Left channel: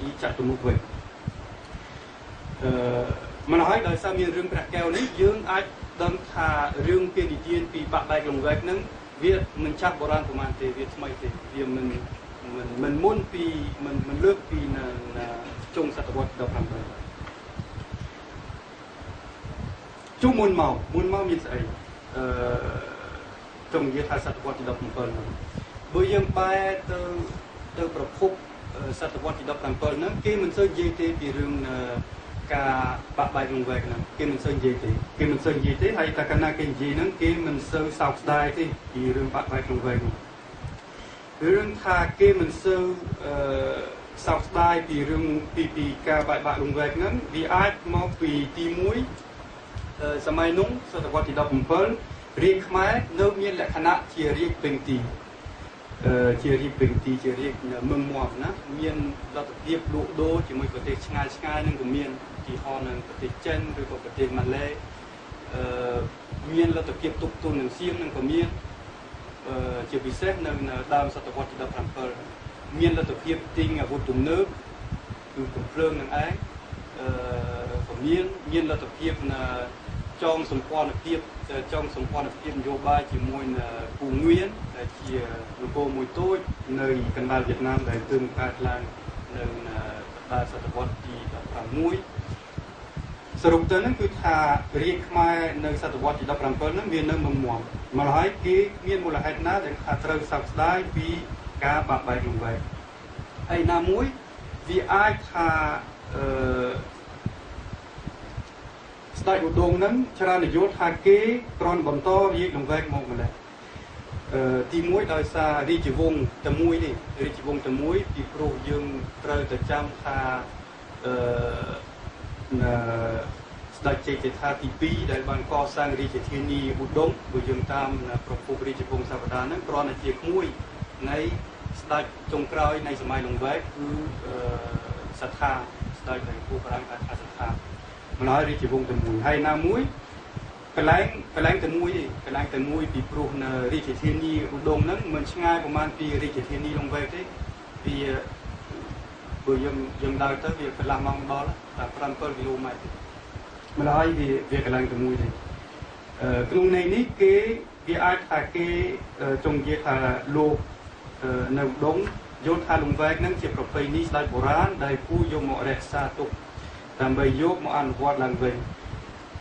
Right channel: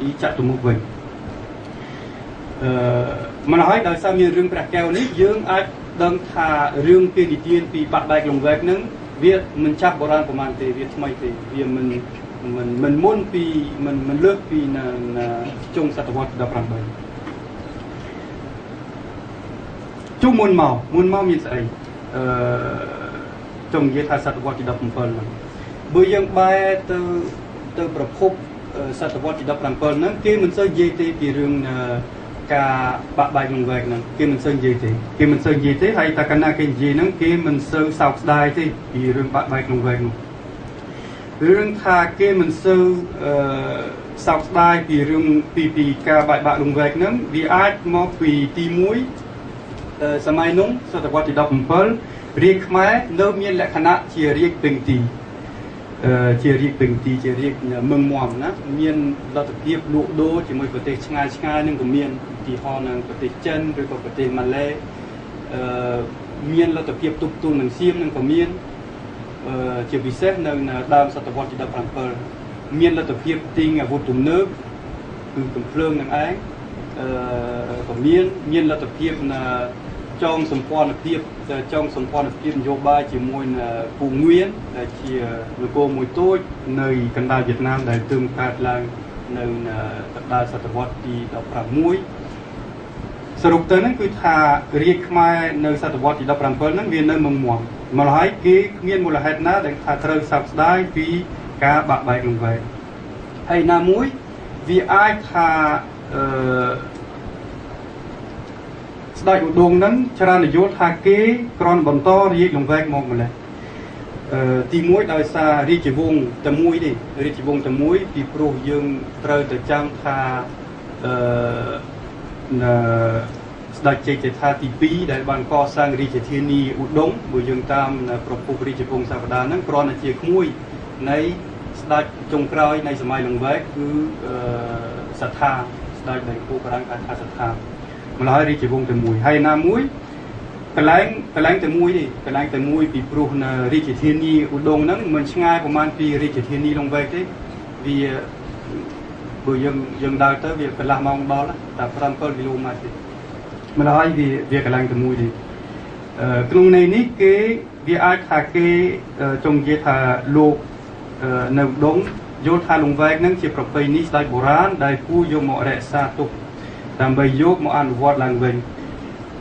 đi chặt tụm mục vậy mà nói đời sau miền rừng bạc keo ní dương ai đang thà rừng kia đi tiên vì bạc đại lồng vẹt nứng Việt mình chắc bộ ran của mình thì Việt thay thì vì mình muốn vì mình lướt vì là trong sát vật đập răng đời chung muôn màu miền sài trong giết hai sát vật đập phần bây giờ bài từประพบsát vật đập răng phần nứng kia mình sẽ dễ thì vì rừng cả bạc bài lồng vẹt nè kia mình sơn gì thế hay ta cana cái gì nè kia mình sơn sọc đai thế vì rừng bạc bài lồng vẹt rừng thà kia mình sơn sọc đai vì rừng vì cả bạc bạc lồng vẹt nè vì ai mà vì tì muốiสมัยนู้นศตวรรษที่17เรียกខ្មែរនៅមានលក្ខណៈជារាជពេញទីជារាជពេញទីជារាជមឹងមាំណាមានលទ្ធភាពលក់ដូរជាមួយប្រទេសឆ្ងាយនឹងក៏មានទីហោនៅប្រទេសចិនឬក៏ប្រទេសម៉ាឡេមានលទ្ធភាពទប់ទល់នឹងសៀមនឹងក៏មានជាពិសេសនៅដើមសតវត្សទី17មានលទ្ធភាពទិញអាវុធទំនើបគឺកំភ្លើងនឹងឯងក៏មានលទ្ធភាពចងសម្ព័ន្ធភាពនយោបាយជាមួយពូងៀនដែលជានគរមួយតូចនៅកណ្ដាលវៀតណាមដែលទើបកើតឡើងនៅកណ្ដាលសតវត្សទី16សរុបទៅហ្នឹងគឺថារាជខ្មែរនៅសតវត្សទី17ហ្នឹងវានៅមឹងមាំមកហើយគេគ្មានមូលហេតុណាដែលថាត្រូវសោកស្ដាយពីការបាក់បែកលំវែកហើយណាមួយវាអាចថាស្ដេចឧដុង្គហ្នឹងច្រើននយោថាគេគ្រាន់បន្តរាជលង្វែកមកម្លេះទីមួយដោយសាររាជវង្សតែមួយទេរាជវង្សតែមួយពីព្រោះយើងត្រូវតែចាំថាស្ដេចជ័យជេដ្ឋាទី2ដែលបានកសាងរាជធានីឧដុង្គបើយើងតាមប្រពុករាជវង្សសាវតាហ្នឹងគ្រាន់តែជាក្មួយនៃស្ដេចចុងក្រោយនៃសម័យលង្វែកគឺសត្ថាស្ដេចដែលគូប្រាំងថាសត្ថាម្ល៉េះរាជវង្សតែមួយហើយណាមួយកន្លែងតែមួយទេកន្លែងតែមួយពីព្រោះនៅរាជធានីឧដុង្គហ្នឹងមិនឆ្ងាយប្រហែលពីរាជធានីលង្វែកទេវាបើយើងដើរទៅវាកន្លះម៉ោងដល់តែ5-7គីឡូម៉ែត្រទេម្ល៉េះវាកន្លែងតែមួយទេក្នុងន័យនេះគេវាអាចថាគេចង់និយាយថាលោកនៅឧដុង្គយល់ថាលង្វែកហ្នឹងជាប្រពៃណីស្ដេចបុរាណដែលគួរយកមករក្សាទុកដើម្បីយកមកអនុវត្តឡើងវិញ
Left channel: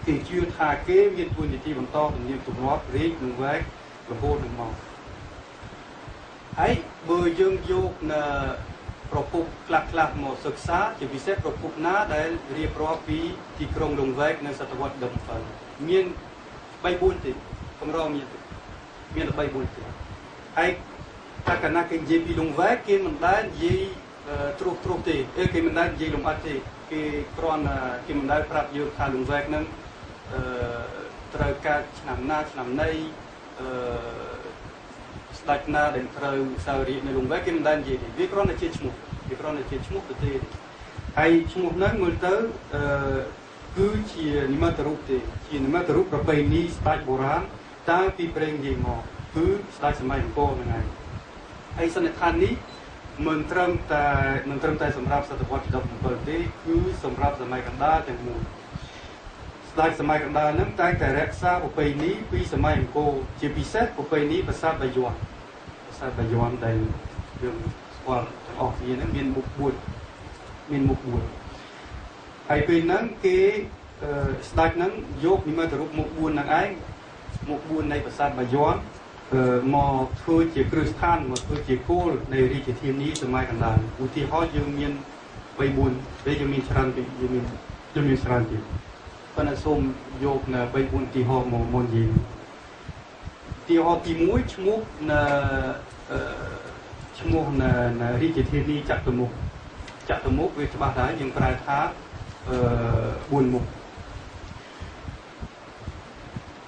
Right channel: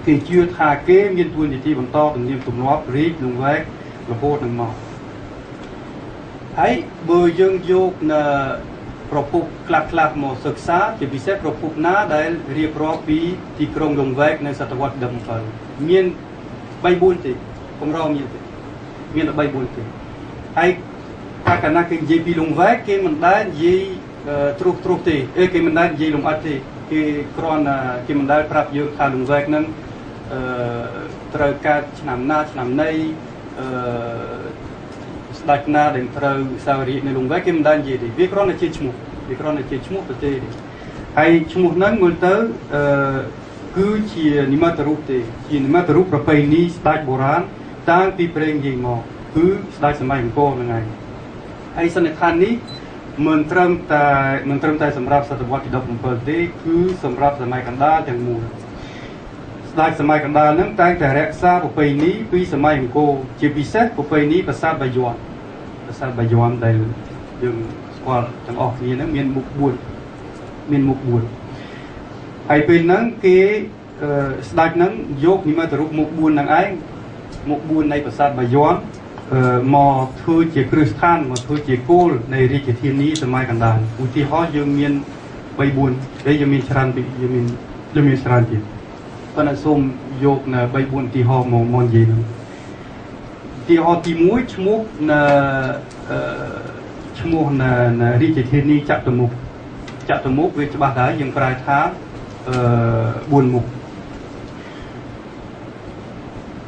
គេជឿថាគេមានទួនាទីបន្តទំនៀមទម្លាប់រាជលង្វែករហូតនឹងមកហើយបើយើងយកនៅប្រភពខ្លះមកសិក្សាជាពិសេសប្រភពណាដែលរៀបរាប់ពីទីក្រុងលង្វែកនៅសតវត្ស17មាន 3-4 ទេកម្រមានតែ 3-4 ទេហើយតែកាលណាគេនិយាយពីលង្វែកគេមិនដែលនិយាយត្រុសទេគេមិនដែលនិយាយលំអិតទេគេគ្រាន់តែគេមិនដែលប្រាប់យើងថាលង្វែកហ្នឹងត្រូវកើតឆ្នាំណាឆ្នាំណីស្ដេចណាដែលត្រូវសោយរាជនៅលង្វែកគេមិនដែលនិយាយទេវាគ្រាន់តែជាឈ្មោះប្រទេសទេហើយឈ្មោះហ្នឹងមើលទៅគឺជានិមិត្តរូបទេជានិមិត្តរូបប្រពៃណីស្ដេចបុរាណតាំងពីព្រេងនិយាយមកគឺស្ដេចសម័យអង្គរហ្នឹងឯងហើយសន្និដ្ឋាននេះមិនត្រឹមតែសម្រាប់សតវត្សទី17ទេគឺសម្រាប់សម័យកណ្ដាលទាំងមូលស្ដេចសម័យកណ្ដាលហ្នឹងតែងតែរក្សាប្រពៃណីពីសម័យអង្គរជាពិសេសប្រពៃណីប្រាសាទបាយ័នដែលយើងស្គាល់ទាំងអស់គ្នាហ្នឹងមានមុខ4ហើយពេលហ្នឹងគេស្ដេចហ្នឹងយកនិមិត្តរូបមុខ4ហ្នឹងឯងមុខ4នៃប្រាសាទបាយ័នមកធ្វើជាគ្រឹះស្ថានមកធ្វើជាគោលនៃរាជធានីសម័យកណ្ដាលឧទាហរណ៍យើងមាន 3-4 ហើយយើងមានច្រើនទៀតប៉ុន្តែសូមយកនៅ 3-4 ឧទាហរណ៍មកនិយាយឧទាហរណ៍ទី1ឈ្មោះនៅរាជធានីចតុមុខវាច្បាស់ដែរយើងប្រែថា4មុខ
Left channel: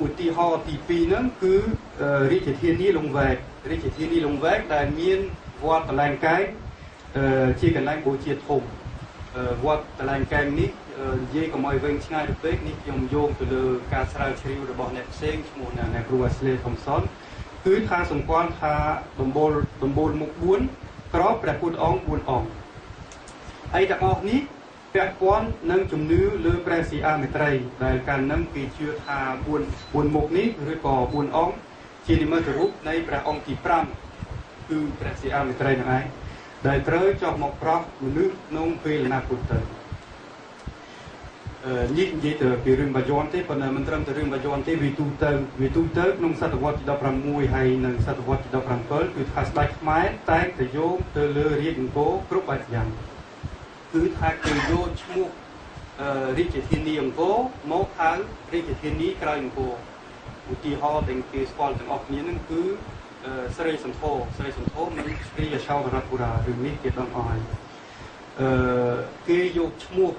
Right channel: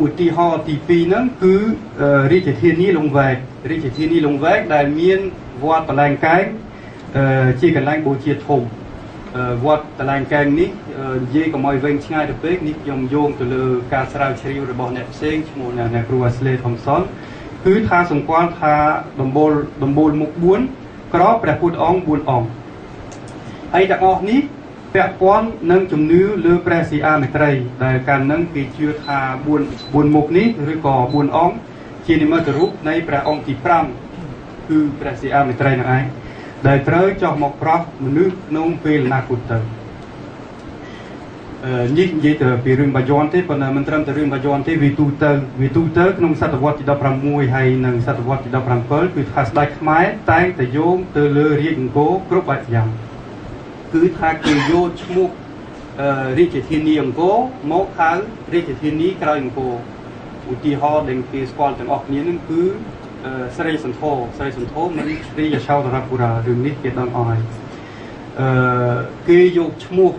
ឧទាហរណ៍ទី2ហ្នឹងគឺរាជធានីលង្វែកដែលមានវត្តតលែងកែងជាកន្លែងបូជាធំវត្តតលែងកែងនេះនិយាយកុំឲ្យវែងឆ្ងាយទៅពេកនេះខ្ញុំយោងទៅលើការស្រាវជ្រាវរបស់អ្នកផ្សេងឈ្មោះអ្នកគ្រូ Ashley Thompson គឺថាសម្គាល់ថាដំបូលមុខ4ក្របព្រះពុទ្ធអង្គ4អង្គហ ហើយទាំងអស់នេះពាក់ព័ន្ធនឹងជំនឿលើព្រះសិអាមេត្រីដែលកាលនឹងគេជឿថា4មុខនេះឬក៏4អង្គជានិមិត្តរូបនៃព្រះអង្គទី5គឺព្រះសិអាមេត្រីនឹងឯងដែលត្រូវចោះមកប្រោះមនុស្សក្នុងពេលអនាគតទៅនេះនិយាយទៅពីរឿងបាយ័នទេប៉ុន្តែមិនត្រឹមតែរឿងបាយ័នទេវាទូទៅក្នុងសតវត្សទី16ហើយនិងសតវត្សទី17គឺថាស្ដេចខ្មែរតែងតែយោងទៅលើរាជអង្គរគ្រប់បែបយ៉ាងគឺថាគេយកឈ្មោះរាជធានីអង្គរមកហៅរាជធានីក្រោយអង្គរឧទាហរណ៍ដែលគេស្គាល់ទាំងអស់គ្នានឹងគឺស្រីសន្ធរមិនស្រីយសោធរពុរារឿងនេះគេដឹងអស់ហើយគេយកឈ្មោះ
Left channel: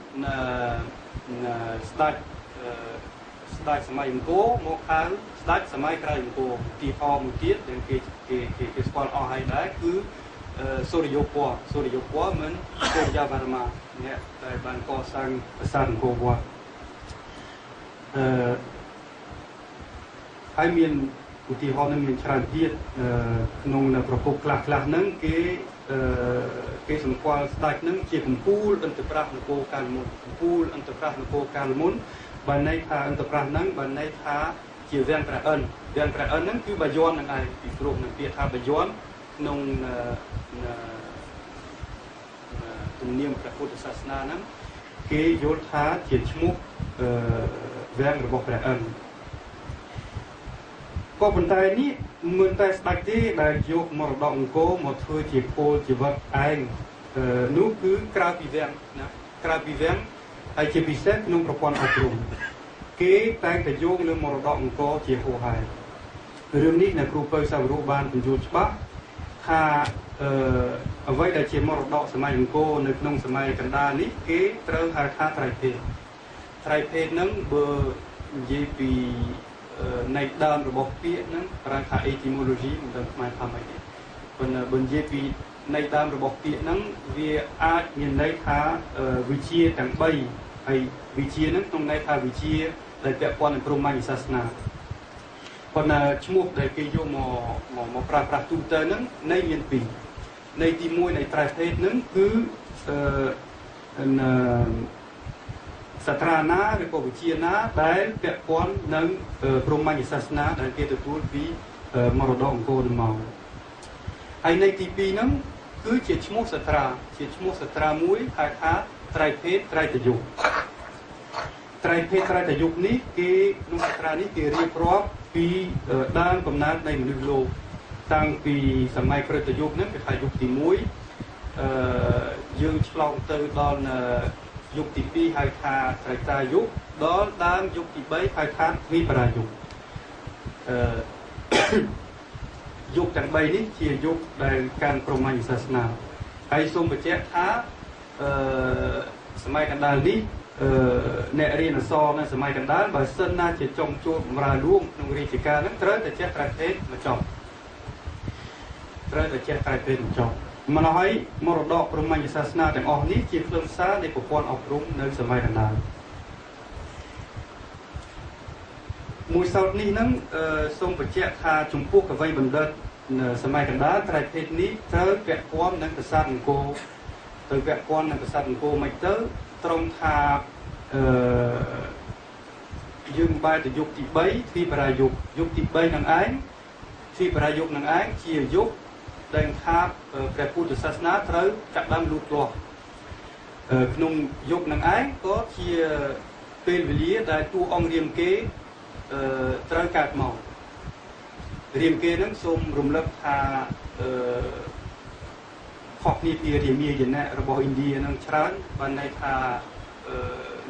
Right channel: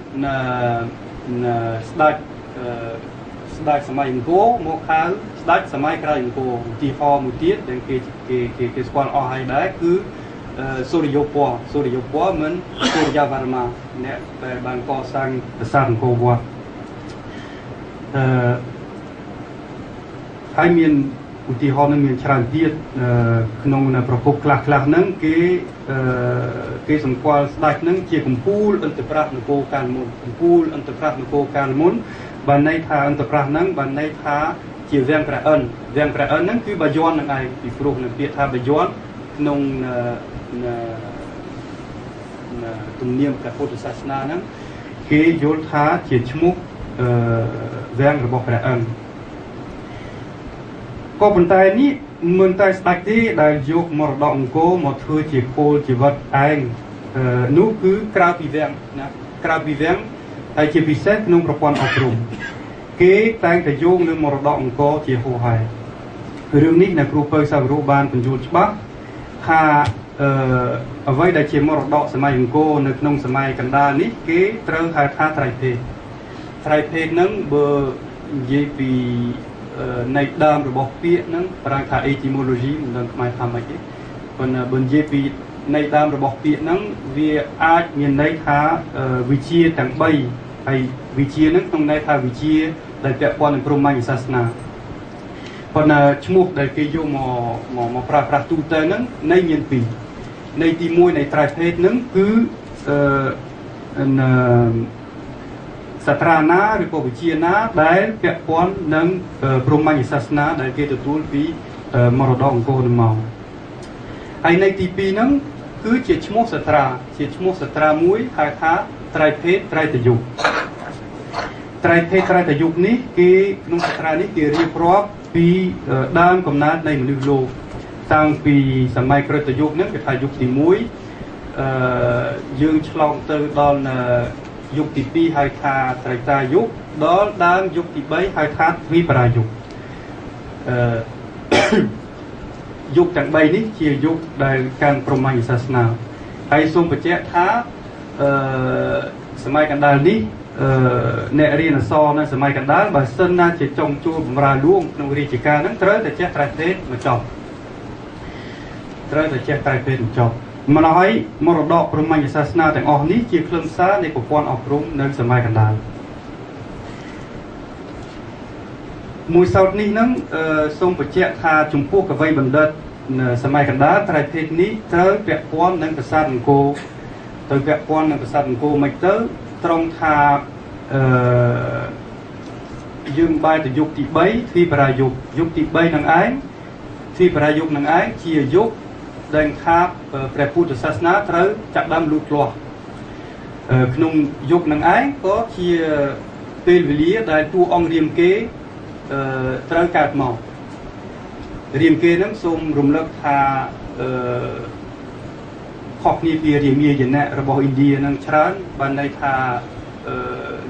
ស្ដេចសម័យអង្គរមកហៅស្ដេចសម័យក្រោយអង្គរឧទាហរណ៍មួយទៀតដែលគេស្គាល់អស់ហើយដែរគឺសូរិយោពណ៌មិនសូរិយាវរ្មាអ្នកដែលបានកសាងប្រាសាទអង្គរវត្តហើយមានឧទាហរណ៍នឹងមានច្រើនទៀតក្នុងប្រភពខ្លះហ្នឹងគេសម្គាល់ស្ដេចហ្នឹងជាកំពូលអន្តរប្រះនគរកាលមុនបានន័យថាអន្តរប្រះហ្នឹងបានន័យថាជាវាំងព្រះអិនហ្នឹងគឺបាយ័នហ្នឹងឯងពីព្រោះនៅពាក្យថាបាយ័នក្នុងទំនៀមព្រះពុទ្ធសាសនាហ្នឹងគេយល់ថាជាឈ្មោះវាំងរបស់ព្រះអិនក៏ប៉ុន្តែនេះមិនតែស្ដេចទេដែលយកមរតកអង្គរមកធ្វើជាគោលជីវិតឯងនោះគឺក្រៅពីវាំងហើយជាពិសេសក្នុងប្រព័ន្ធអប់រំគេតែងតែយកលើមរតកអង្គរជាហូរហែរឿងនេះអ្នកគ្រូពៅសាវរុបានបញ្យល់ច្បាស់ថាអ្វីដែលជាមរតកសម័យអង្គរនៅក្នុងសម័យកណ្ដាលនេះគេត្រូវហៅថាត្រៃភេទហ្នឹងបើនិយាយពីនៃដើមរបស់ពាក្យហ្នឹងប្រើថា etymology មិនដឹងខ្មែរថាម៉េចទេប៉ុន្តែបើនិយាយពីនៃដើមរបស់ពាក្យហ្នឹងវាអាចមានន័យថាវិជាទាំង3ហើយវិជាហ្នឹងក្នុងន័យថាវិជាដែលពាក់ព័ន្ធនឹងព្រហ្មញ្ញសាសនាប៉ុន្តែឈ្មោះដែលគេយកមកប្រើប្រាស់ទូទៅហ្នឹងនៃមាន2នៃទី1នៃត្រៃភេទហ្នឹងគឺសាត្រាណាឬក៏វិជាណាដែលពាក់ព័ន្ធនឹងព្រហ្មញ្ញសាសនាដែលគេទទួលពីមរតកអង្គរនឹងមកហើយនៃទី2ហ្នឹងគឺជាឈ្មោះសាត្រាមួយហៅថាត្រៃភេទត្រៃតយុគនេះគេក្នុងសាត្រានេះគេរៀបរាប់ពីដើមកំណើតនៃមនុស្សលោកតាំងពីសម័យក្រឹតយុគហ្នឹងគេថាយុគទី1យើងឆ្លងទៅដល់យុគទី2ហៅថាត្រៃតាយុគដល់ដើមយុគទី3ហៅថាវិបរាយុគយុគទាំង3នេះជាយុគដែលកាន់ព្រហ្មញ្ញសាសនាហើយសូមបញ្ជាក់ថាសម័យកណ្ដាលនេះអ្នករៀនអក្សរនៅសម័យកណ្ដាលបើសិនណាជាចុងជួលបម្រើលួងក្នុងរាជការហ្នឹងត្រូវតែចេះត្រៃភេទមកចប់ម្ល៉េះហើយមរតកព្រហ្មញ្ញសាសនាទាំងអស់នេះជាខ្លឹមសារនៃប្រព័ន្ធអប់រំនៅសម័យកណ្ដាលមួយសោតនេះហ្នឹងសូមបញ្ជាក់ថាចំពោះកវីបណ្ឌិតសម័យកណ្ដាលត្រៃភេទនេះត្រូវពាក់ព័ន្ធនឹងប្រាសាទអង្គរមិនទៅត្រង់ថាយើងបែរទៅយុគទី3ទ្វីបរាយុគទី3នឹងឯងជាយុគដែលថាព្រះពុទ្ធសាសនាត្រូវចាប់ដើមលូតលាស់ក្នុងយុគនឹងឯងក៏ជាពេលវេលាដែលតួអង្គរាមកេរ្តិ៍ត្រូវកើតមករាមកេរ្តិ៍នឹងសូមរំលឹកថាខុសគ្នាពីរាមាយណៈរបស់ឥណ្ឌានឹងច្រើនបានន័យថា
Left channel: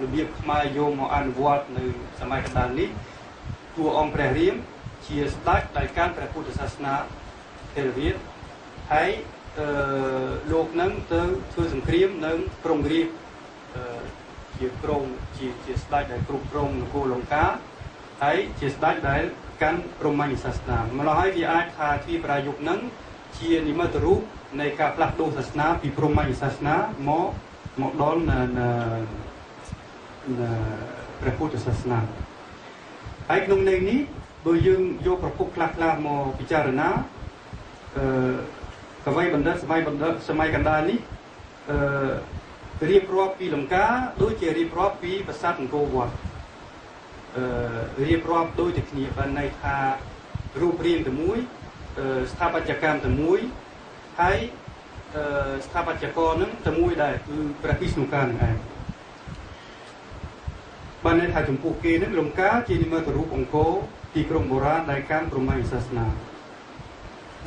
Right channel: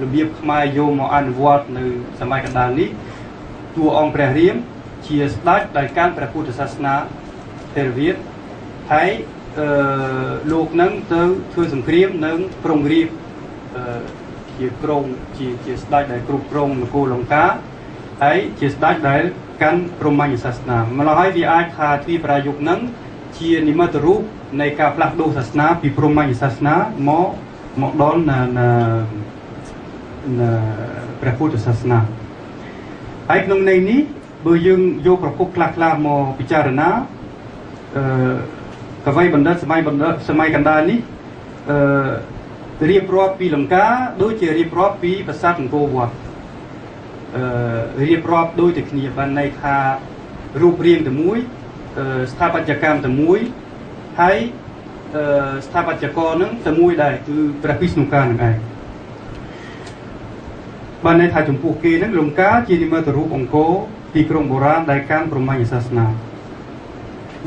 របៀបខ្មែរយកមកអនុវត្តនៅសម័យកណ្ដាលនេះតួអង្គព្រះរាមជាស្ដេចដែលកាន់ព្រះពុទ្ធសាសនាថេរវាទហើយលោកនឹងទៅធ្វើសង្គ្រាមនៅក្រុងរាពណ៍ជាក្រុងជាស្ដេចដែលគ្រប់គ្រងនគរលង្កាហើយជាស្ដេចដែលកាន់ព្រហ្មញ្ញសាសនាម្ល៉េះហើយវាអាចថាទ្វីបរាយុគនឹងជានិមិត្តរូបនៃការផ្លាស់ប្ដូរសាសនាពីព្រហ្មញ្ញសាសនាមកដល់ព្រះពុទ្ធសាសនាហើយក្នុងន័យនេះបើយើងយកប្រភពខ្លះមកពិចារណាកវីបណ្ឌិតសម័យកណ្ដាលនេះ រៀបរាប់ពីលង្កាដូចជារៀបរាប់ពីប្រាសាទអង្គរវត្តរៀបរាប់ដូចតែគ្នាបានន័យថារូបរាងតែមួយស្ថាបត្យកម្មតែមួយហើយស្ថាបត្យករនឹងតែមួយដែរគឺព្រះវិស្ណុការនឹងឯងបានន័យថាចំពោះគេនឹងលង្កាជានិមិត្តរូបអង្គរទីក្រុងបុរាណដែលកាន់ព្រហ្មញ្ញសាសនា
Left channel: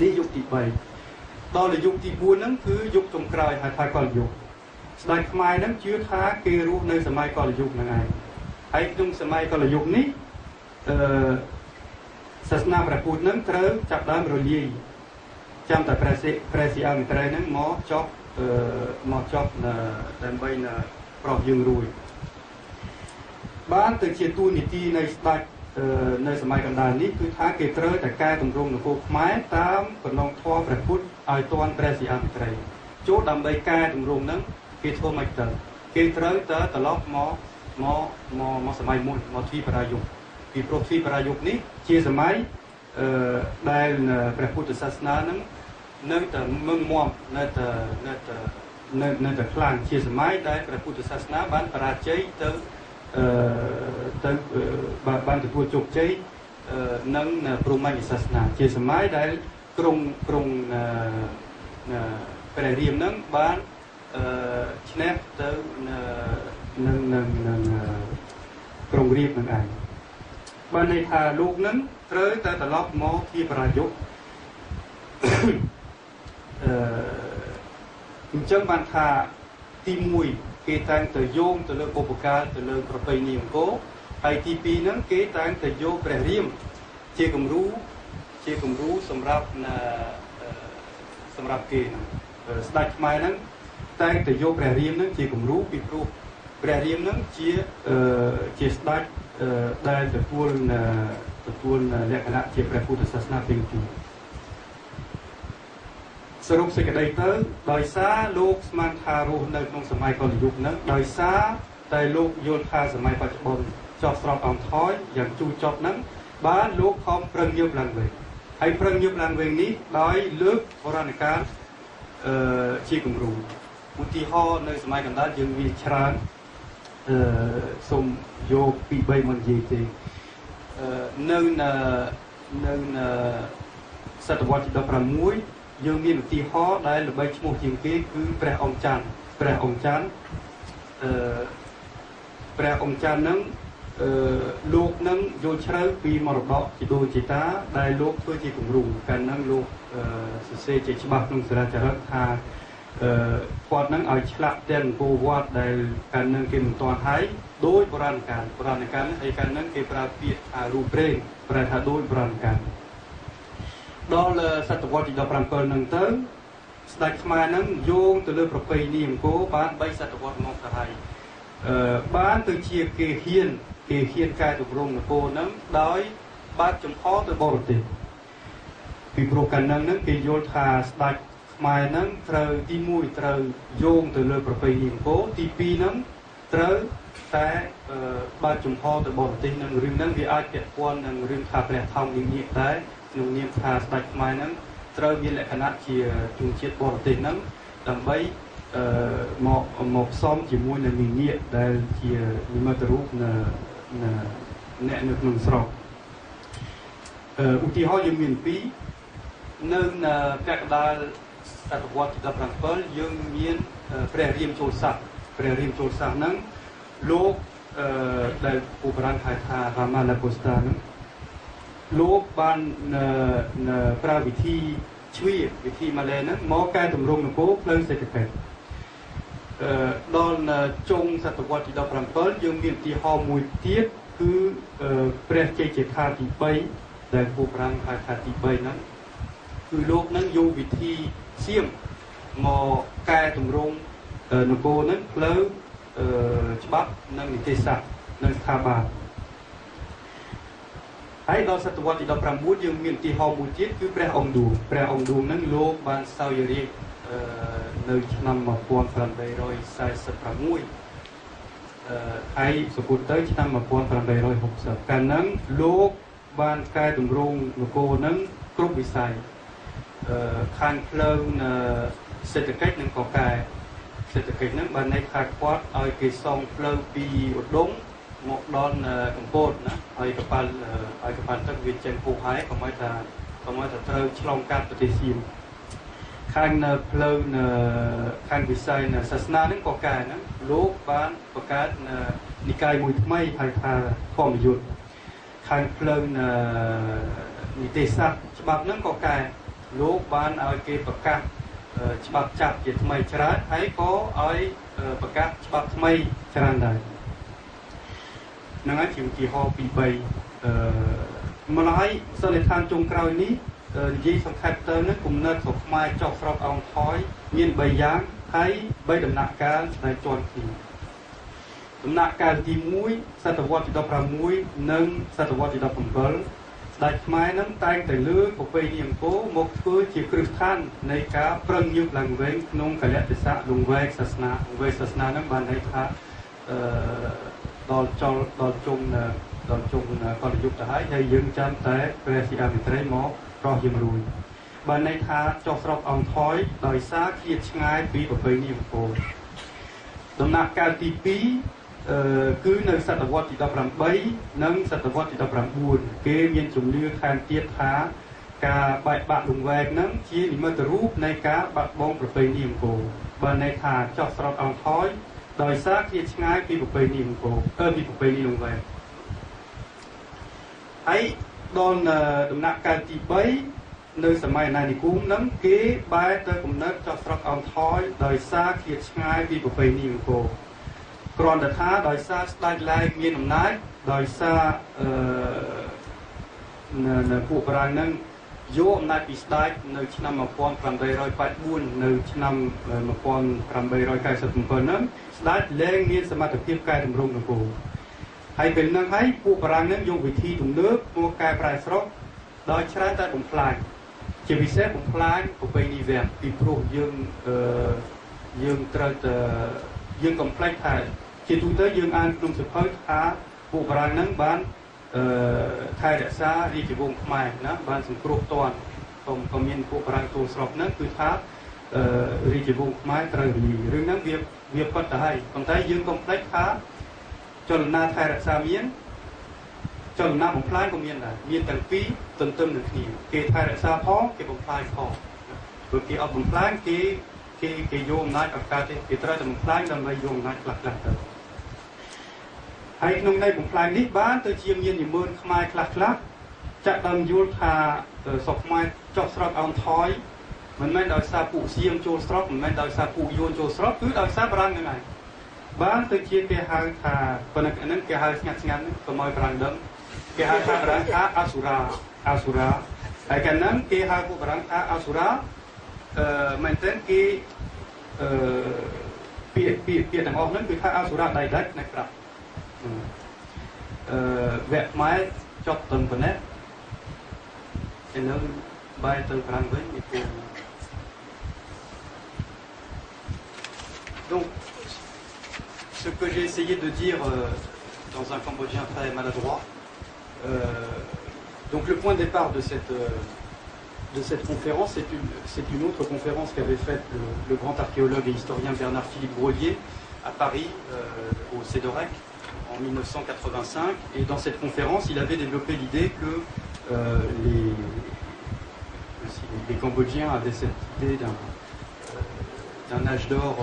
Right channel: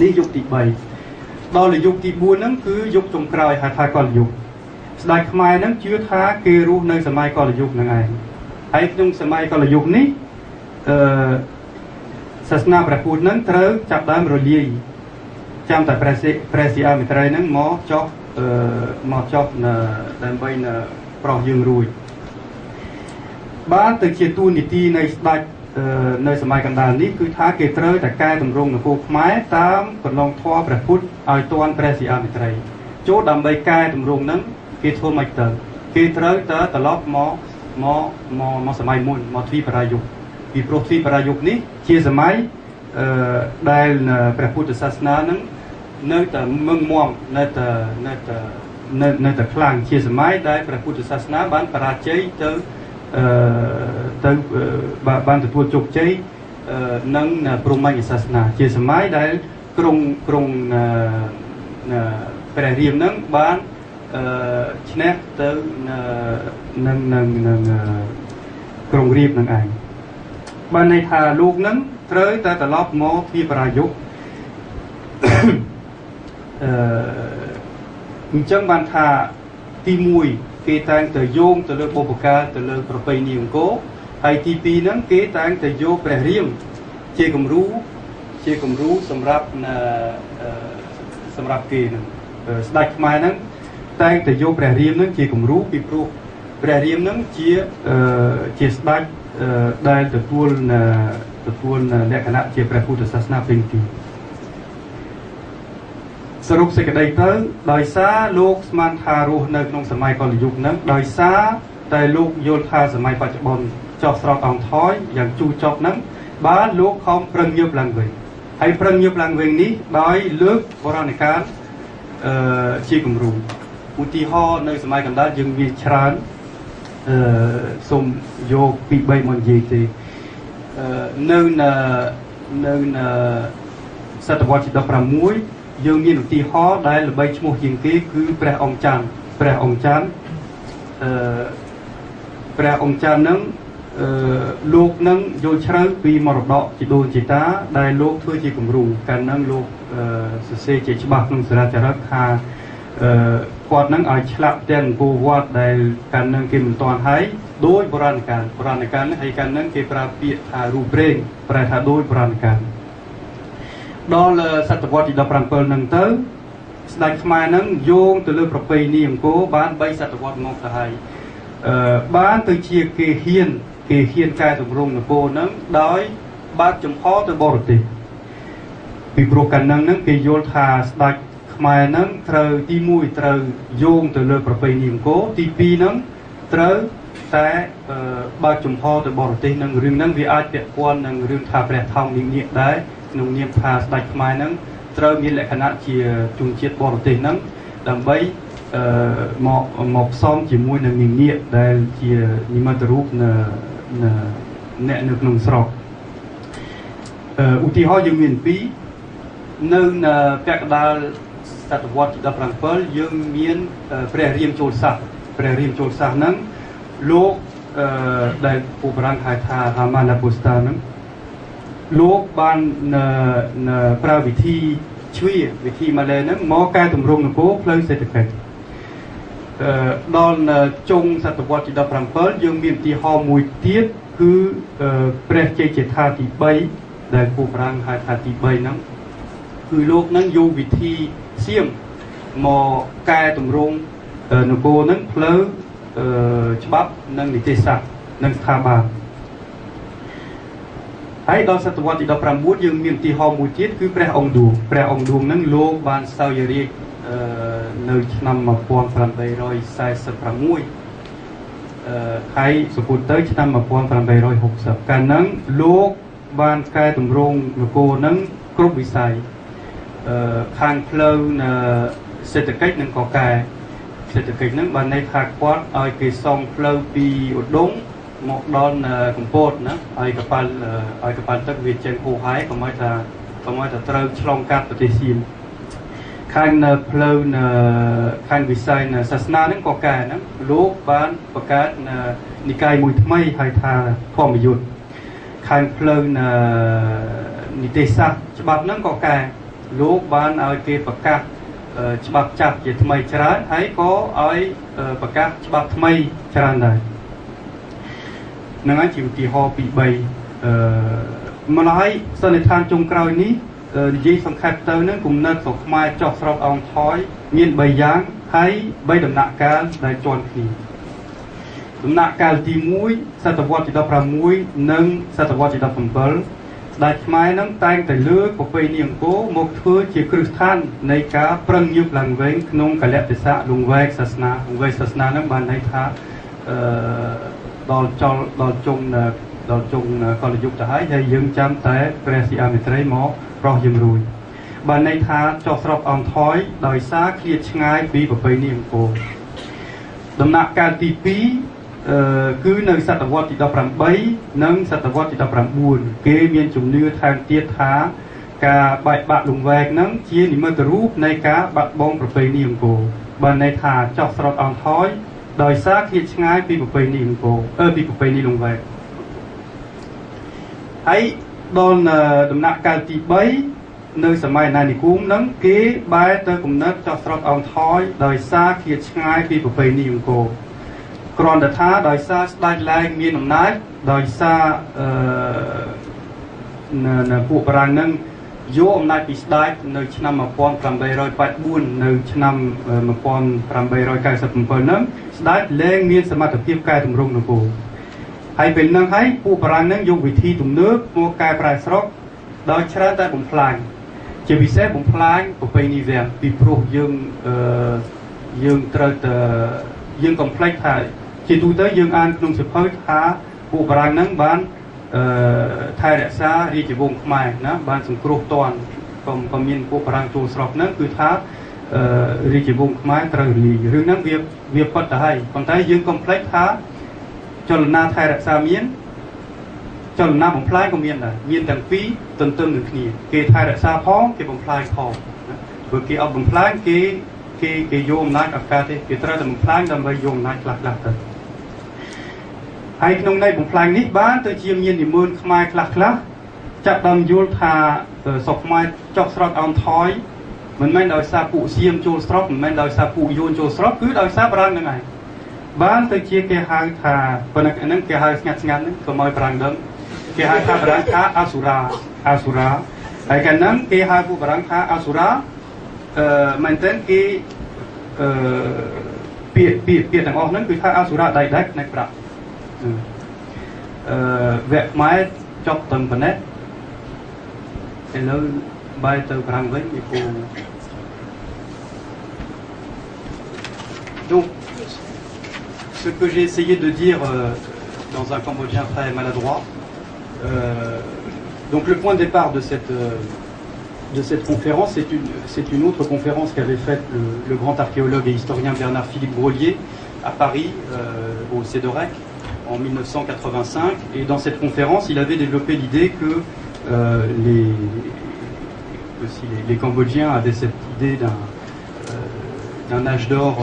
នេះយុគទី3ដល់យុគទី4ហ្នឹងគឺយុគចុងក្រោយហៅថាកលយុគស្ដេចខ្មែរហ្នឹងជឿថាគេរស់នៅសម័យកលយុគហ្នឹងឯងហើយក្នុងសម័យកលយុគនេះសាសនាព្រះពុទ្ធហ្នឹងត្រូវចាប់ដើមរលាយចាំតែព្រះសីហមេត្រីហ្នឹងមកចុះដើម្បីប្រោះយើងរួចបានទៅជាទូនីតិនៃស្ដេចនៅសម័យកណ្ដាលនេះគឺថាគេត្រូវតែកែតម្រង់នគរខ្មែរតាមកន្លងធម៌ព្រះពុទ្ធឲ្យទាន់ព្រះសីហមេត្រីចូលដើម្បីកែតម្រង់ហ្នឹងគេធ្វើមិនទៅគេត្រូវតែត្រឡប់មកសម័យមុនមកទ្វីបរាយុគពីព្រោះទ្វីបរាយុគនេះជាសម័យដែលព្រះពុទ្ធសាសនាហ្នឹងនៅតែមឹងមាំនៅតែខ្លាំងជាសម័យដែលព្រះពុទ្ធសាសនាបានបរាជ័យទៅបានទទួលជោគជ័យនឹងព្រហ្មញ្ញសាសនាជាសម័យដែលក្រុងព្រះរាមនឹងបានឈ្នះទៅនឹងក្រុងរាពណ៍នឹងឯងបានន័យថាលោកនឹងត្រូវតែត្រឡប់មកពីបរាយុគអញ្ចឹងបានថាទី1គេតែងតែយោងទៅលើបុព្វកាលទៅលើប្រពៃណីអង្គរហើយទី2ហ្នឹងគេតែងតែយកព្រះរាមជាគំរូសម្រាប់គេហ្នឹងស្ដេចខ្មែរហ្នឹងតែងតែយកព្រះរាមហ្នឹងជាគំរូពីព្រោះព្រះរាមហ្នឹងជាស្ដេចដែលទទួលលក្ខណៈជាព្រះពុទ្ធសាសនាពេញទីសរុបសេចក្តីទៅដោយសារលោកស្មានថារស់នៅក្នុងសម័យកលយុគហ្នឹងដោយសារតែលោកយល់ថាសម័យបច្ចុប្បន្នចោះស្រោតអង្ថយយ៉ាងជូរចត់ហ្នឹងបានលោកខំប្រឹងញើបឡើងវិញហើយប្រឹងញើបឡើងវិញនេះដោយលើកបុរាណកាលជាគំរូឧទាហរណ៍នៅសម័យកណ្ដាលយើងមានច្រើនសូមយកពី3មកនិយាយទេនៅសតវត្សទី16យើងមានឧទាហរណ៍ដែលល្បីឈ្មោះជាងគេគឺព្រះអង្គច័ន្ទហ្នឹងលោកនឹងយល់ជ្រៅពីមរតកជីដូនជីតាដែលលោកធ្វើជាគំរូកាលហ្នឹងលោកសរសេរជាច្បាស់ក្នុងសារាចារឹកថាគាត់នឹងឲ្យឆ្លាក់ទាំងអង្គរវត្តដែលកាលហ្នឹងគេមិនទាន់ហើយដោយបុរាណកាលនេះហើយកាលហ្នឹងគេប្រើពាក្យថារូបព្រេងប្រែថាដោយបុរាណកាលដល់សតវត្សទី17ហ្នឹងទៅស្ដេចខ្មែរហ្នឹងយោងទៅលើប្រពៃណីអង្គរបាន3សតវត្សមកទៅហើយបានទៅជាគេហ៊ានកែតម្រង់នគរហ្នឹងដោយបើកចំហទៅបរទេសពីព្រោះកាលហ្នឹងគេយល់ថាស្ដេចខ្មែរហ្នឹងត្រូវទី1ត្រូវយោងទៅលើប្រពៃណីអង្គរទី2ហ្នឹងត្រូវតែបើកចំហទៅបរទេសនឹងរឿងហ្នឹងវាអាចពាក់ព័ន្ធនឹងរឿងថាព្រះថោងនាងដែរក្នុងនាមថាស្ដេចខ្មែរហ្នឹងត្រូវមានលក្ខណៈជាជនជាតិបរទេសហ្នឹងដើម្បីមកផ្សំជាមួយនឹងនាងដែលជានិមិត្តរូបអ្នកនៅក្នុងស្រុកឧទាហរណ៍យើងមាន2នៅពាក់កណ្ដាលសតវត្សទី17យើងមានព្រះរាមចូលស័ក្តិហ្នឹងលោកដែលពុបរាំងហៅថារាមាណាពុស្តាហ្នឹងលោកបានប្រើវិធីម៉ាឡេហ្នឹងមកកែតម្រង់នគរផ្លូវសេដ្ឋកិច្ចដល់ចុងសតវត្សទី17យើងមានឧទាហរណ៍មួយទៀតគឺព្រះជ័យជេដ្ឋាទី3ដែលពុបរាំងហៅថាទី3ហ្នឹងគឺលោកហ្នឹងយកវិធីសៀមមកកែតម្រង់នគរហ្នឹងផ្លូវច្បាប់និងនីតិសាស្ត្រនិងស្ថាប័នហើយដល់សតវត្សទី19យើងមានឧទាហរណ៍មួយទៀតគឺព្រះអង្គឌួងហ្នឹងលោកបានសោយរាជ្យនៅឆ្នាំ1846ហើយសពុតទៅឆ្នាំ1860កាលហ្នឹងលោកបានកែតម្រង់នគរហ្នឹងគ្រប់វិស័យខាងផ្លូវសេដ្ឋកិច្ចនិងក៏កែ សេដ្ឋកិច្ចហ្នឹងបានន័យថាគាត់ឲ្យគេសងផ្លូវពីឧដុង្គមកដល់កំពតណាឲ្យកប៉ាល់ទឹកវាចេញហូរហែកុំឲ្យថាត្រូវឆ្លងកាត់ប្រទេសសៀមខាងនៅផ្លូវខាងវិស័យសាសនាហ្នឹងក៏កែហ្នឹងលោកបានបង្កើតនិកាយមួយថ្មីហៅថាធម្មយុត្តខាងផ្លូវនីតិសាស្ត្រច្បាប់ហ្នឹងក៏កែលោកបានឲ្យគេប្រកាសច្បាប់ចាប់ជាថ្មីច្រើនហើយក៏ឲ្យប្រកាសច្បាប់ថ្មីច្រើនដែរហ្នឹងហើយជាឧទាហរណ៍ពី3ម្ល៉េះសន្និដ្ឋានចុងក្រោយនេះនិយាយសង្ខេបទៅនឹងគំនិតស្រុកខ្មែរចុះស្រុកអង្ថយមាន3យ៉ាងហើយ3ដំណាក់កាលដែលជាន់គ្នាដំណាក់កាលទី1សតវត្សទី16និងសតវត្សទី17ស្ដេចខ្មែរនឹងតែងតែលើកប្រពៃណីអង្គរមកធ្វើជាគ្រឹះស្ថាននៃការប្រឹងញើសឡើងវិញក្នុងកលៈទេសៈលង្វែកសាសនានឹងបានន័យថាដល់ជុងកលយុគទៅហើយយើងចាំតែព្រះសីហមេត្រីមកប្រោះយើងរួចបានន័យថាចុះស្រុកអង្ថយដោយសារឃ្លាតឆ្ងាយពីប្រពៃណីអង្គរដំណាក់កាលទី2គឺនៅសតវត្សទី18និងសតវត្សទី19គេមានជំនឿថែមទៀតថាការបែកបាក់លង្វែកហ្នឹងជានិមិត្តរូបនៃការបាត់បង់ប្រពៃណីអង្គរបានន័យថាចុះស្រុកអង្ថយដោយសារឃ្លាតឆ្ងាយពីប្រពៃណីអង្គរពីប្រពៃណីលង្វែកហើយដល់ដំណាក់កាលទី3នៅសម័យអាណានិគមហ្នឹងគេបែរទៅគំនិតចុះស្រុកអង្ថយដោយសារឃ្លាតឆ្ងាយពីប្រពៃណីអង្គរគ្រាន់តែថាដោយសារស្ដេចឡើងមានអំណាចដោយសារពួកបារាំងហ្នឹងយកអំណាចពីស្ដេចនៅឆ្នាំ1884នៅឆ្នាំ1897ហ្នឹងស្ដេចលែងមានសមត្ថភាពកែតម្រង់នគរហើយពេលហ្នឹងហើយពួកបារាំងហ្នឹងយកវិធីទំនើបមកកែប្រែស្រុកដោយច្រើនតែបំផ្លាញជាពិសេសបំផ្លាញប្រពៃណីវាំងពីព្រោះយើងត្រូវតែយើងកុំភ្លេចថាជាទូទៅយើងអានក្នុងសៀវភៅថាពួកបារាំងហ្នឹងបានថែរក្សារាជវង្សខ្មែរណាបានសង្គ្រោះតន់ក៏មានពួកបារាំងចូលស្រុកហ្នឹងគឺថារាជវង្សខ្មែរត្រូវរលាយរឿងហ្នឹងវាពិតទៅហើយប៉ុន្តែយើងកុំភ្លេចថាចលនាថែរក្សាមានចលនាបំផ្លាញក៏មានដែរមានទាំងពីរទន្ទឹមនឹងគ្នាគេថែរក្សាផងគេបំផ្លាញផងព្រោះគេអត់បំផ្លាញគេយកអំណាចអត់កើតទេគេត្រូវតែបំផ្លាញដើម្បីយកអំណាចខ្លះទៅហើយក្នុងន័យបំផ្លាញនេះបានទៅជាមាននិមឺនខ្មែរខ្លះចាក់ដើមយល់ថាស្រុកខ្មែរចុះស្រុកអង្ថយមិនមែនដោយសារពួកសៀមចូលស្រុកមិនមែនដោយសារពួកយួនចូលស្រុកគឺដោយសារបារាំងហ្នឹងឯងបានទៅជាគេហៅថាប៉ុន្តែហ្នឹងគេហៅស្ងាត់ហ្នឹងកុំឲ្យបារាំងដឹងគេហៅថាបារាំងថាអសុរាហើយកាលហ្នឹងគេហៅពួកបារាំងថាអសុរាមែនតើគេពាក្យទាំងអស់ហ្នឹងគឺថាអសុរាដៃដាច់ណែប្រាក់វគ្គខ្មែរចប់ត្រឹមប៉ុណ្ណេះឥឡូវបែរទៅប្រាំងវិញពីពូ Donc ce que j'ai essayé de dire dans un cambodgien très maladroit donc le point de départ de cette conférence c'est une autre conférence qu'avait faite le grand archéologue et historien Bernard-Philippe Grolier à Paris au CEDOREC en 1985 et dans cette conférence il avait développé l'idée que les Cambodgiens avaient cette idée d'un âge d'or,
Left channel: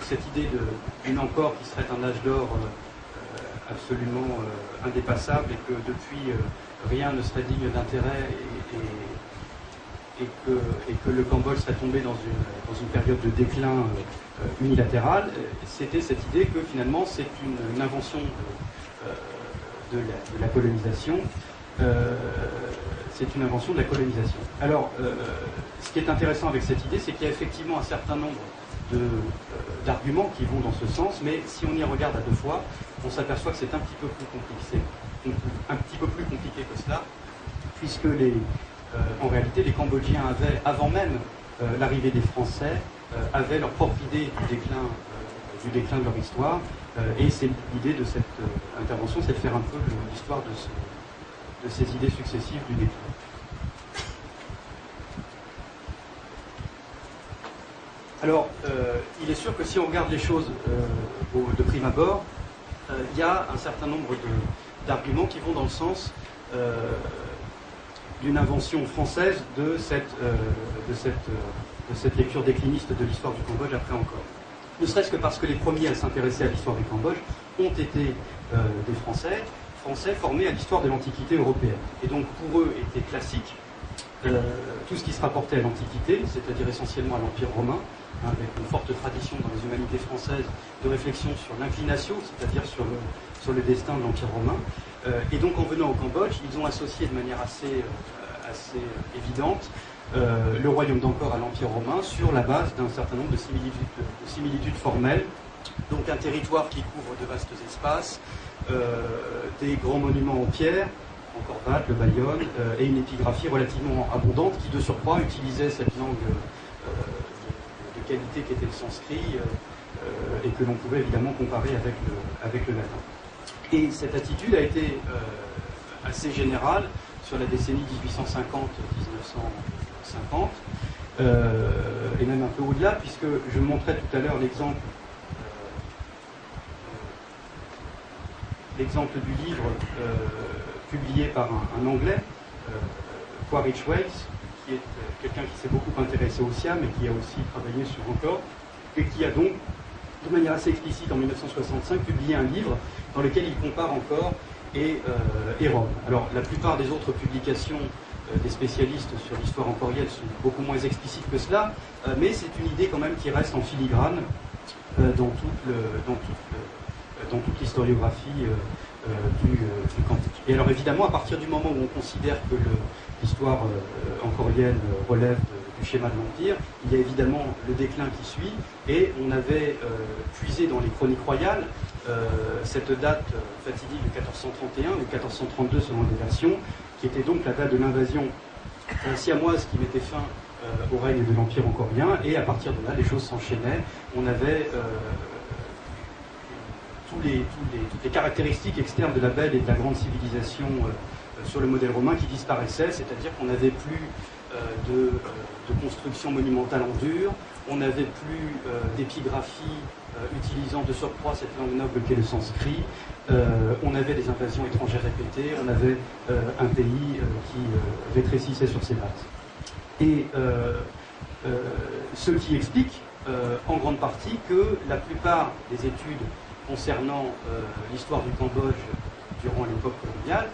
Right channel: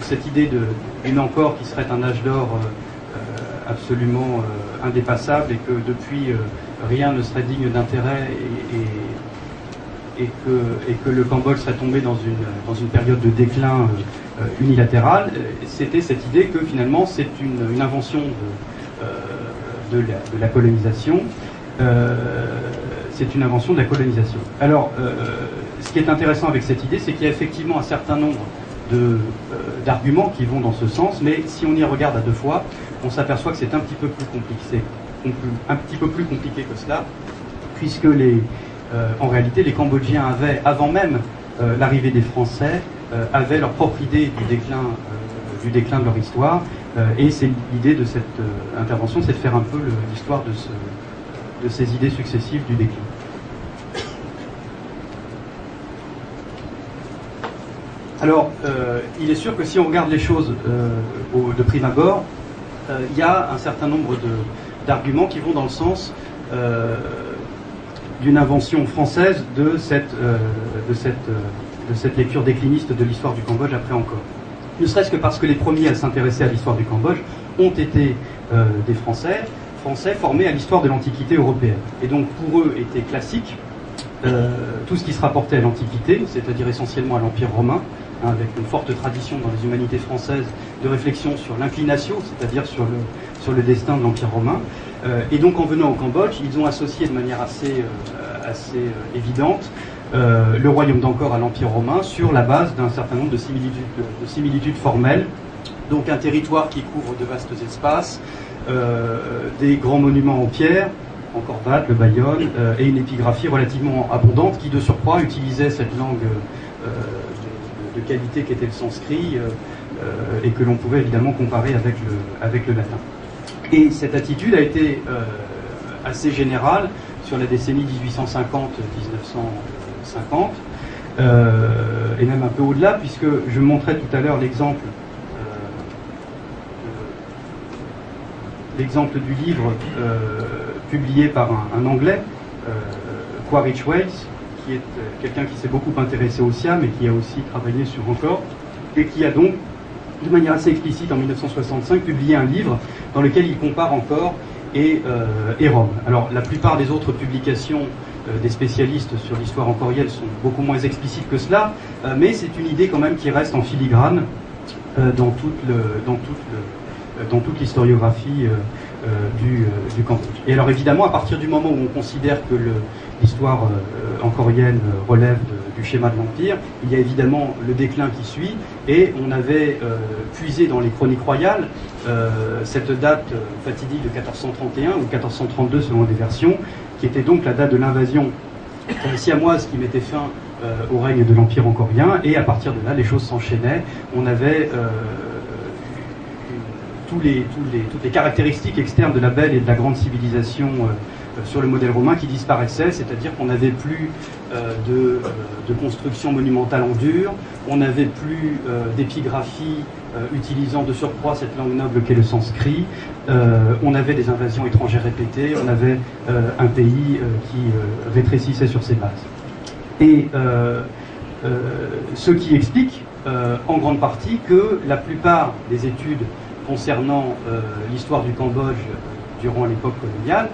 cette idée d'une encore qui serait un âge d'or absolument indépassable et que depuis rien ne serait digne d'intérêt et que le Cambodge serait tombé dans une période de déclin unilatéral. C'était cette idée que finalement c'est une invention de la colonisation. C'est une invention de la colonisation. Alors, ce qui est intéressant avec cette idée, c'est qu'il y a effectivement un certain nombre d'arguments qui vont dans ce sens, mais si on y regarde à deux fois, on s'aperçoit que c'est un petit peu plus compliqué que cela, puisque en réalité, les Cambodgiens avaient, avant même l'arrivée des Français, avaient leur propre idée du déclin de leur histoire, et c'est l'idée de cette intervention, c'est de faire un peu l'histoire de ces idées successives du déclin. Alors, il est sûr que si on regarde les choses de prime abord, il y a un certain nombre d'arguments qui vont dans le sens d'une invention française de cette lecture décliniste de l'histoire du Cambodge après encore. Ne serait-ce que parce que les premiers à s'intéresser à l'histoire du Cambodge ont été des Français formés à l'histoire de l'Antiquité européenne. Et donc pour eux était classique tout ce qui se rapportait à l'Antiquité, c'est-à-dire essentiellement à l'Empire romain, hein, avec une forte tradition dans les humanités françaises de réflexion sur l'inclination, c'est-à-dire sur le destin de l'Empire romain. Et donc en venant au Cambodge, ils ont associé de manière assez évidente le royaume d'Angkor à l'Empire romain sur la base d'un certain nombre de similitudes formelles. Donc un territoire qui couvre de vastes espaces, des grands monuments en pierre, Angkor Wat, le Bayonne, et une épigraphie relativement abondante qui de surcroît utilisait cette langue de qualité qu'était le sanskrit et que l'on pouvait évidemment comparer avec le latin. Et cette attitude a été assez générale sur la décennie 1850-1950, et même un peu au-delà, puisque je montrais tout à l'heure l'exemple du livre publié par un Anglais, Quaritch Wells, qui est quelqu'un qui s'est beaucoup intéressé au Siam et qui a aussi travaillé sur Angkor, et qui a donc, de manière assez explicite en 1965, publié un livre dans lequel il compare Angkor et Rome. Alors la plupart des autres publications des spécialistes sur l'histoire angkorienne sont beaucoup moins explicites que cela, mais c'est une idée quand même qui reste en filigrane dans toute l'historiographie du Cambodge. Et alors évidemment, à partir du moment où on considère que l'histoire angkorienne relève du schéma de l'Empire, il y a évidemment le déclin qui suit, et on avait puisé dans les chroniques royales cette date fatidique de 1431 ou 1432 selon les versions, qui était donc la date de l'invasion siamoise qui mettait fin au règne de l'Empire angkorien, et à partir de là, les choses s'enchaînaient. On avait toutes les caractéristiques externes de la belle et de la grande civilisation sur le modèle romain qui disparaissaient, c'est-à-dire qu'on n'avait plus de construction monumentale en dur, on n'avait plus d'épigraphie utilisant de surcroît cette langue noble qu'est le sanskrit, on avait des invasions étrangères répétées, on avait un pays qui rétrécissait sur ses bases. Et ce qui explique en grande partie que la plupart des études concernant l'histoire du Cambodge durant l'époque coloniale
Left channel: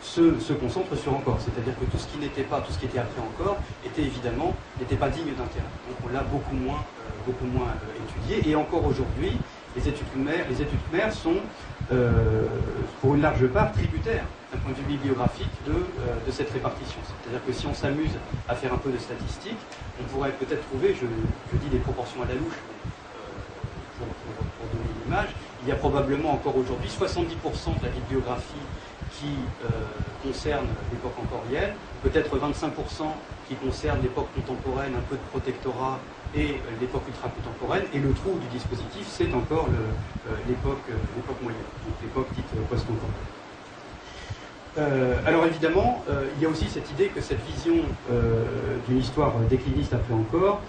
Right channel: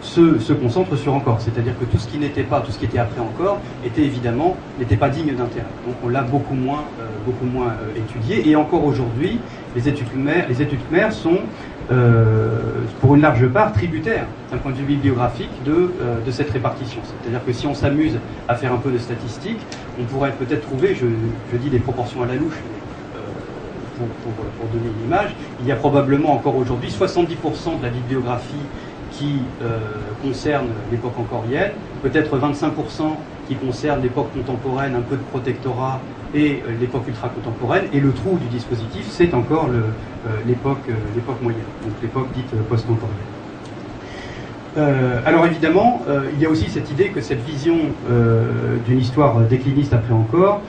se concentrent sur Angkor. C'est-à-dire que tout ce qui n'était pas, tout ce qui était après Angkor, n'était pas digne d'intérêt. Donc on l'a beaucoup moins étudié. Et encore aujourd'hui, les études khmères sont, pour une large part, tributaires, d'un point de vue bibliographique, de cette répartition. C'est-à-dire que si on s'amuse à faire un peu de statistiques, on pourrait peut-être trouver, je dis des proportions à la louche, pour donner une image, il y a probablement encore aujourd'hui 70% de la bibliographie qui concerne l'époque angkorienne, peut-être 25% qui concerne l'époque contemporaine, un peu de protectorat et l'époque ultra-contemporaine, et le trou du dispositif, c'est encore l'époque moyenne, donc l'époque dite post-angkorienne. Alors évidemment, il y a aussi cette idée que cette vision d'une histoire décliniste après Angkor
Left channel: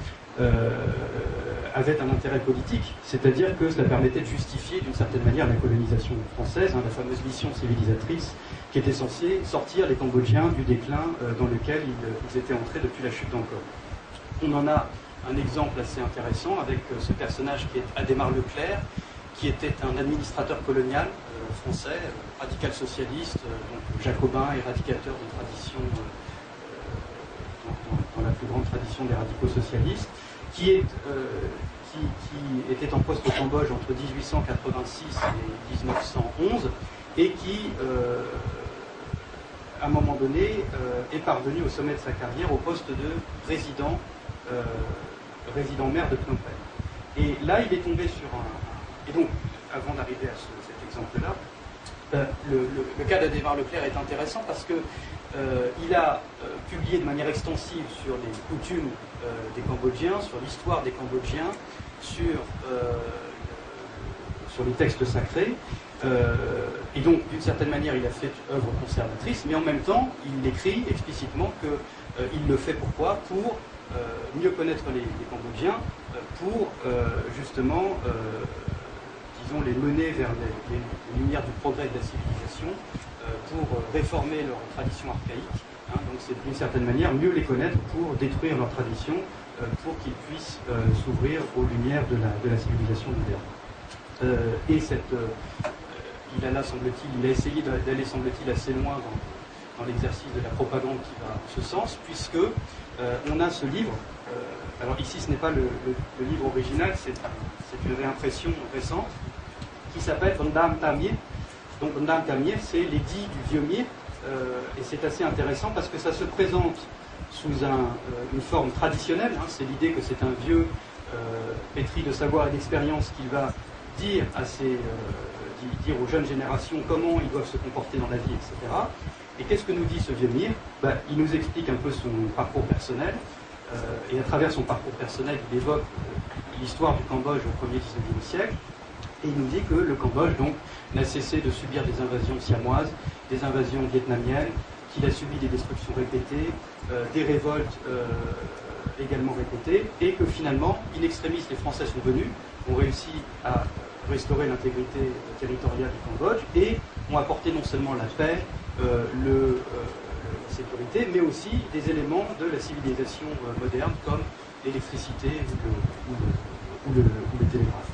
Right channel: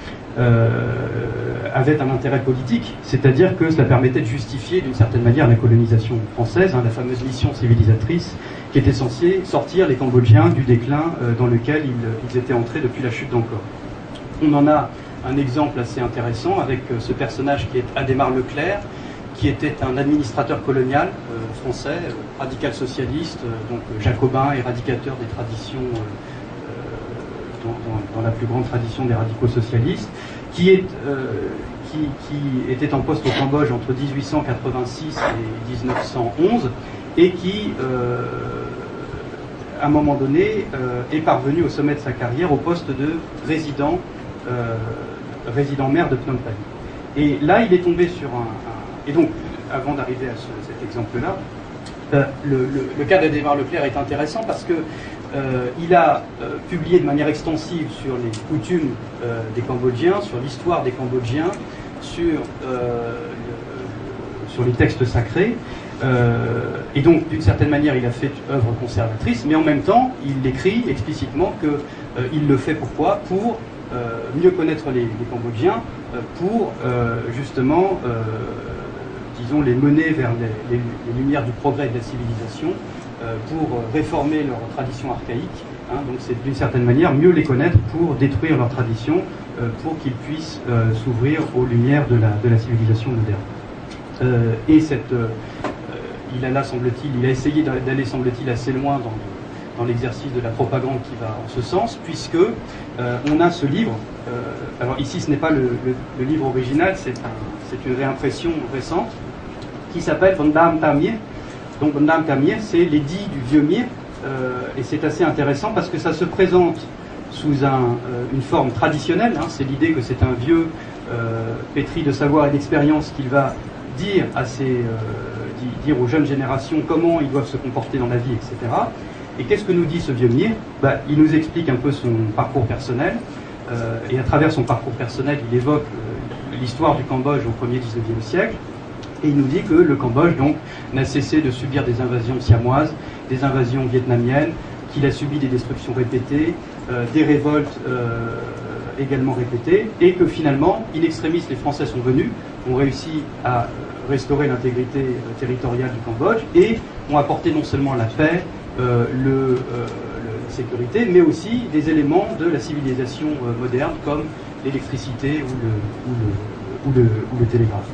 avait un intérêt politique, c'est-à-dire que cela permettait de justifier d'une certaine manière la colonisation française, la fameuse mission civilisatrice qui était censée sortir les Cambodgiens du déclin dans lequel ils étaient entrés depuis la chute d'Angkor. On en a un exemple assez intéressant avec ce personnage qui est Adhémar Leclerc, qui était un administrateur colonial français, radical socialiste, donc jacobin, éradicateur des traditions, dans la plus grande tradition des radicaux socialistes, qui était en poste au Cambodge entre 1886 et 1911, et qui, à un moment donné, est parvenu au sommet de sa carrière au poste de résident maire de Phnom Penh. Et là, il est tombé sur Et donc, avant d'arriver à cet exemple-là, le cas d'Adhémar Leclerc est intéressant parce que il a publié de manière extensive sur les coutumes des Cambodgiens, sur l'histoire des Cambodgiens, sur les textes sacrés. Et donc, d'une certaine manière, il a fait œuvre conservatrice, mais en même temps, il écrit explicitement qu'il le fait pourquoi ? Pour mieux connaître les Cambodgiens pour justement, disons, les mener vers les lumières du progrès de la civilisation, pour réformer leurs traditions archaïques. Hein, donc c'est d'une certaine manière mieux les connaître pour détruire leurs traditions, pour qu'ils puissent s'ouvrir aux lumières de la civilisation moderne. Et il a essayé d'aller, semble-t-il, assez loin dans l'exercice de la propagande qui va en ce sens, puisque on a ce livre. Alors ici, ce n'est pas le livre original, c'est une réimpression récente qui s'appelle Bondam Tamir. Donc Bondam Tamir, c'est l'édit du vieux Mir, et c'est assez intéressant parce que ça se présente sous une forme traditionnelle. Hein, c'est l'idée que c'est un vieux pétri de savoir et d'expérience qu'il va dire dire aux jeunes générations comment ils doivent se comporter dans la vie, etc. Et qu'est-ce que nous dit ce vieux Mir? Il nous explique un peu son parcours personnel, et à travers son parcours personnel, il évoque l'histoire du Cambodge au 1er 19e siècle, et il nous dit que le Cambodge donc n'a cessé de subir des invasions siamoises, des invasions vietnamiennes, qu'il a subi des destructions répétées, des révoltes également répétées, et que finalement, in extremis, les Français sont venus, ont réussi à restaurer l'intégrité territoriale du Cambodge, et ont apporté non seulement la paix, la sécurité, mais aussi des éléments de la civilisation moderne, comme l'électricité ou le télégraphe.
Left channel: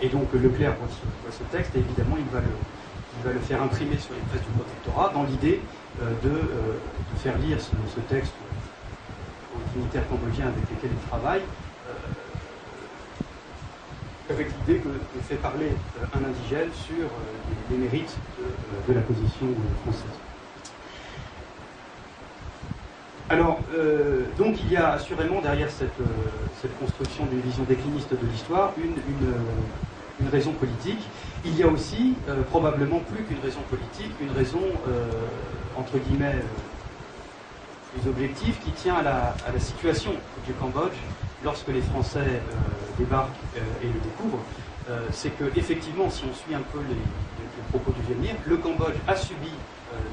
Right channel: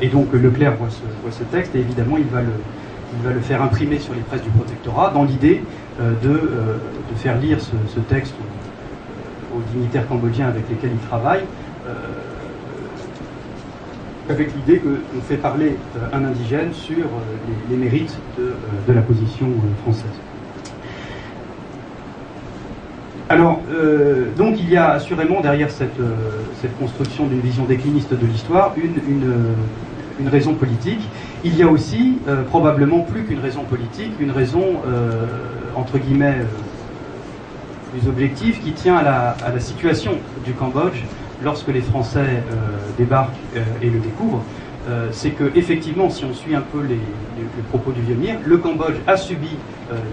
Et donc Leclerc voit ce texte, et évidemment il va le faire imprimer sur les presses du protectorat, dans l'idée de faire lire ce texte aux dignitaires cambodgiens avec lesquels il travaille, avec l'idée qu'on fait parler un indigène sur les mérites de la position française. Alors, donc il y a assurément derrière cette construction d'une vision décliniste de l'histoire une raison politique. Il y a aussi, probablement plus qu'une raison politique, une raison, entre guillemets, plus objective, qui tient à la situation du Cambodge lorsque les Français débarquent et le découvrent. C'est que effectivement, si on suit un peu les propos du vieux Mir, le Cambodge a subi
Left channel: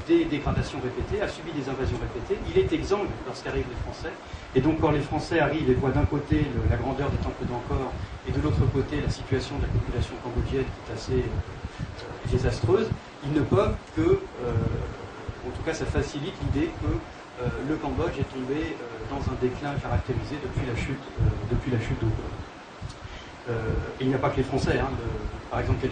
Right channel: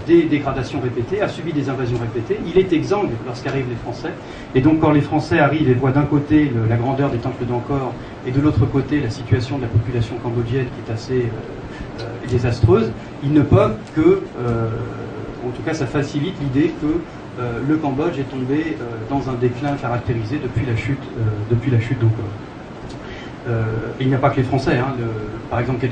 des dégradations répétées, a subi des invasions répétées. Il est exsangue lorsqu'arrivent les Français. Et donc quand les Français arrivent et voient d'un côté la grandeur des temples d'Angkor et de l'autre côté la situation de la population cambodgienne qui est assez désastreuse, ils ne peuvent que, en tout cas ça facilite l'idée que le Cambodge est tombé dans un déclin caractérisé depuis la chute d'Angkor. Il n'y a pas que les Français, hein, par exemple